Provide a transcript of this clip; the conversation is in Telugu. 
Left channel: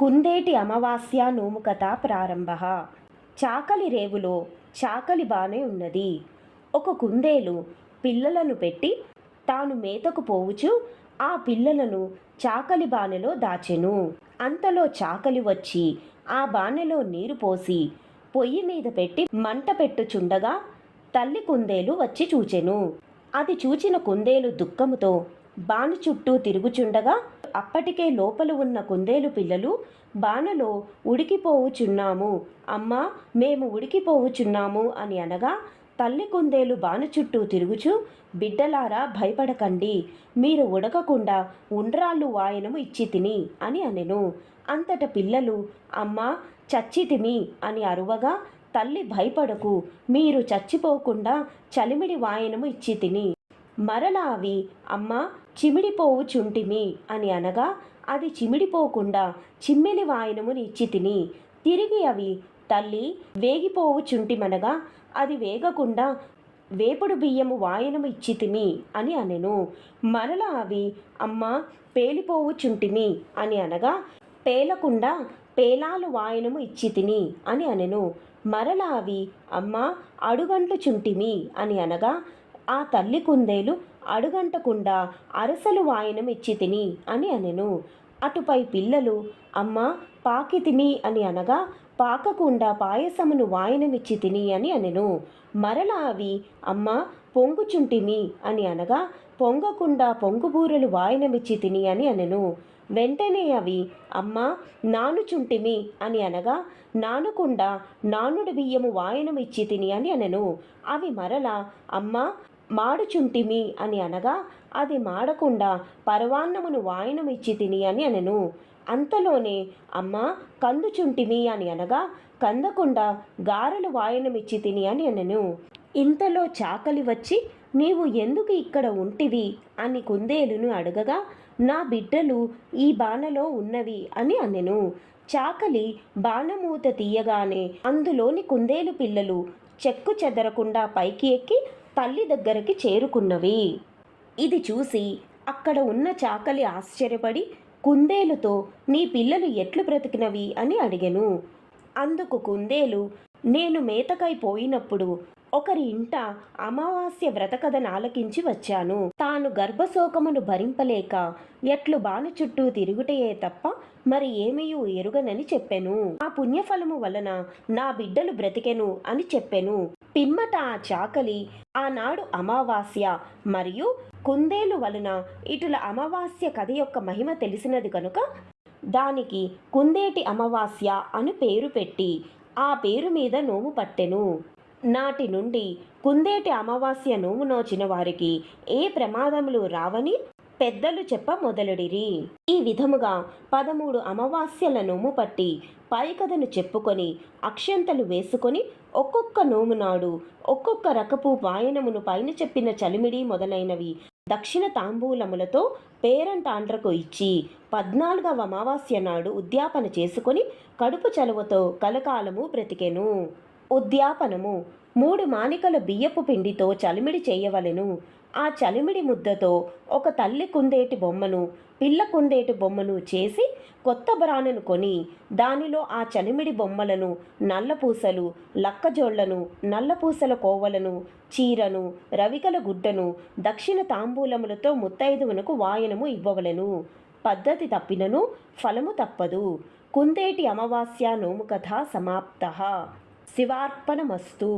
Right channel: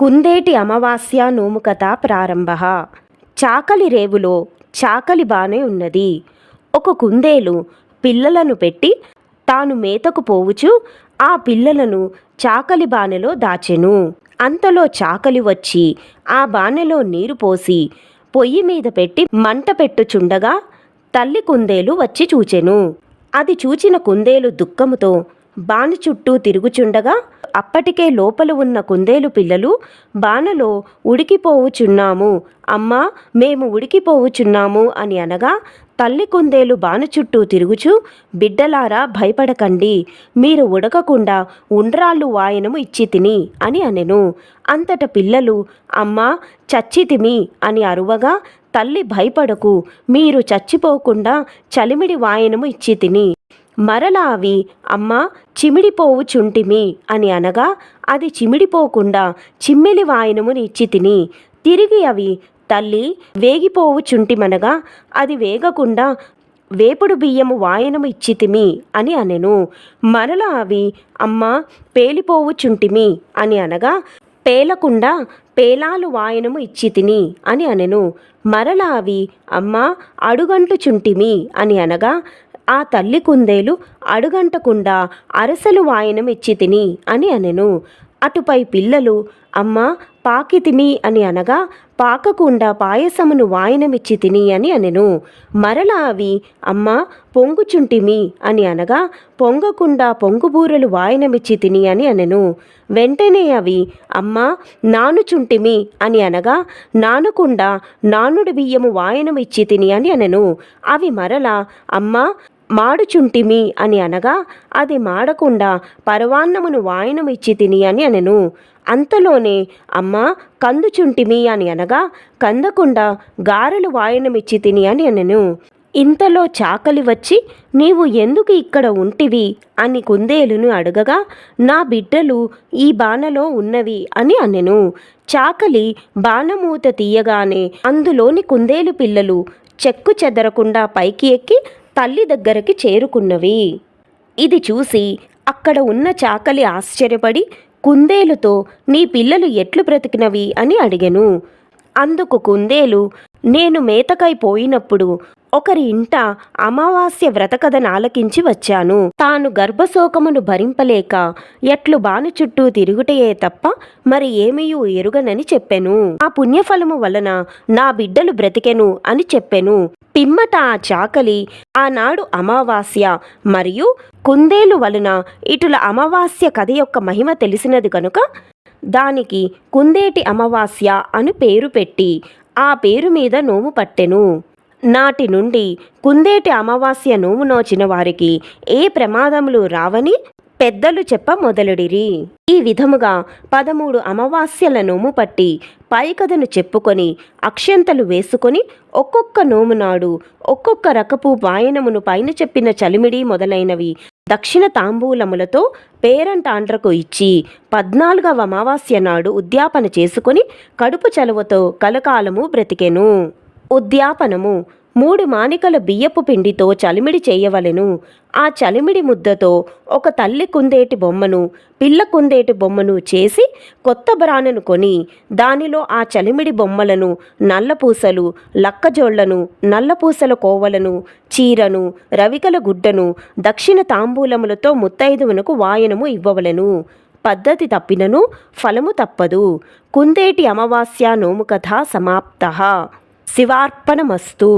కుందేటి అమావాస్య నోము కథ ప్రారంభ. చాకలి రేవులో చాకలి బానే ఉన్నది. ఒక కుందేలు పిల్లలను పెట్టి తాను మేతకు పోవుచు ఆ పిల్లలను చాకలి బానెలో దాచెను. అంతలో చాకలి వచ్చి ఆ బానెలో నీరు పోసి పొయ్యి మీద పెట్టి మంట పెట్టుచుండగా తల్లి కుందేలు వచ్చి చూచెను. అది చూచిన కుందేలు దుఃఖముతో బాణ చుట్టూ తిరుగుచుండగా అప్పటికే లోపల ఉన్న కుందేలు పిల్లలు బానలో ఉడికిపోవుచున్నాము. అమ్మా మేము ఉడికిపోవుచున్నాము అని అనగా తల్లి కుందేలు బాణ చుట్టూ తిరుగుచు బిడ్డలారా భయపడకండి. మీరు ఉడకకుండా ఉండ్రాళ్ళు వాయనము ఇచ్చి తిని అని అనెను. అంతట పిల్లలు అమ్మా చచ్చితిమి అని అరువగా తల్లి భయపడకు. మీరు చచ్చిపోకుండా చలిమిడి వాయనము ఇచ్చి తిని మరలా అవి అమ్మ చిమిడిపోవుచుంటిమి అని అనగా అది చిమిడిపోకుండా చిమ్మిలి వాయనముని ఇచ్చి తిని. తిరిగి అవి తల్లి వేగిపోవు చుంటిమనగా అది వేగకుండా వేపుడు బియ్యము వాయనము ఇచ్చితిమి అని అనెను. మరలా అవి అమ్మ పేలిపోవుచుంటిమి అని అనగా పేలకుండా పేలాలు వాయనము ఇచ్చి తిని అని అనెను. మరలా అవి అమ్మ అడుగంటుచుంటిమి అని అనగా ఆ తల్లి కుందేలు అడుగంటకుండా అరసలు వాయనమిచ్చి తిని అని అనెను. అటుపై పిల్లలు అమ్మ పాకితిమి అని అనగా పాకకుండా పాయసమును వాయనమిచ్చి తిని అని అనెను. మరలా అవి అమ్మ పొంగుచుంటిమి అని అనగా పొంగకుండా పొంగుబూరలు వాయనమిచ్చి తిని అని అనెను. వెంటనే అవి అమ్మ నానుచుంటిమి అని అనగా నానుకుండా నానుడి బియ్యము వాయనమిచ్చి తిని అని అనెను. అవి మరల అమ్మ మాడుచుంటిమి అని అనగా అది మాడకుండా పరవాన్నమును వాయనమిచ్చి తిని అని అనెను. అంతలోనే అమ్మ కందుచుంటిమి అని అనగా కందకుండా గారెలు వాయనమిచ్చి తిని అని అనెను. ఇంతలో చాకలి వచ్చి నీవు ఎందుకు ఇక్కడ ఉంటివి అని కుందేలును అడగగా నా బిడ్డలు ఈ బాణలో ఉన్నవి అని అనెను. చాకలి బాణమూత తీయగానే అందులోని కుందేలు పిల్లలు చెక్కు చెదరకుండా పైకి ఎక్కి తల్లి దగ్గరకి చేరుకున్నవి. ఇది చూసి అక్కడ ఉన్న చాకలి ఆశ్చర్యపడి కుందేలుతో నీ పిల్లలు ఎట్లు బ్రతికినవి? అని అడిగెను. అందుకు కుందేలు నేను మేతకై పోయినప్పుడు ఒకరి ఇంట అమావాస్య వ్రతకథను ఆలకించి వచ్చాను. తాను గర్భశోకమును భరింపలేక ఎట్లు బాను చుట్టూ తిరుగుటయే తప్ప మరి ఏమీయూ ఎరుగనని చెప్పెను. ఆ పుణ్యఫలము వలన నా బిడ్డలు బ్రతికెను అని చెప్పెను. పిమ్మట ఆ చాకలి ఆనాడు అమావాస్య మరియు కుందేలు వలన ఇటుల అమావాస్య కథ యొక్క మహిమ తెలిసినది కనుక దానికి కుందేటి అమావాస్య అని పేరు పెట్టి ఆ పేరు మీద నోము పట్టెను. నాటి నుండి కుందేటి అమావాస్య నోము నోచిన వారికి ఏ ప్రమాదములు రావని పెద్దలు చెప్ప మొదలుడిరి. ఈ విధముగా పదమూడు అమావాస్యల నోము పట్టి పైకథను చెప్పుకొని అక్షంతలు వేసుకొని ఒక్కొక్క నోము నాడు ఒక్కొక్క రకపు వాయనమును పైన చెప్పిన చలిమిడి మొదలైనవి దక్షిణ తాంబూలములతో పేరంటాండ్రకు ఇచ్చి పద్నాలుగవ అమావాస్య నాడు ఉద్యాపన చేసుకొని కడుపు చలువతో కలకాలము బ్రతికెను. ఉద్యాపనము మూడు మానికల బియ్యపు పిండితో చలిమిడి చేయవలెను. ఆ చలిమిడి ముద్దతో ఒక తల్లి కుందేటి బొమ్మను పిల్ల కుందేటి బొమ్మను చేసి కొత్త బ్రాణను కొని దానిలో ఆ చలిమిడి బొమ్మలను నల్లపూసలు లక్కజోళ్ళను నల్లపూసల కోవలను చీరను రవికల గుడ్డను దక్షిణ తాంబూలములతో ముత్తైదువునకు వాయనము ఇవ్వవలెను. పద్ధతి తప్పినను ఫలము తప్పదు. కుందేటి అమావాస్య నోము కథ సమాప్త. శివార్పణమస్తు.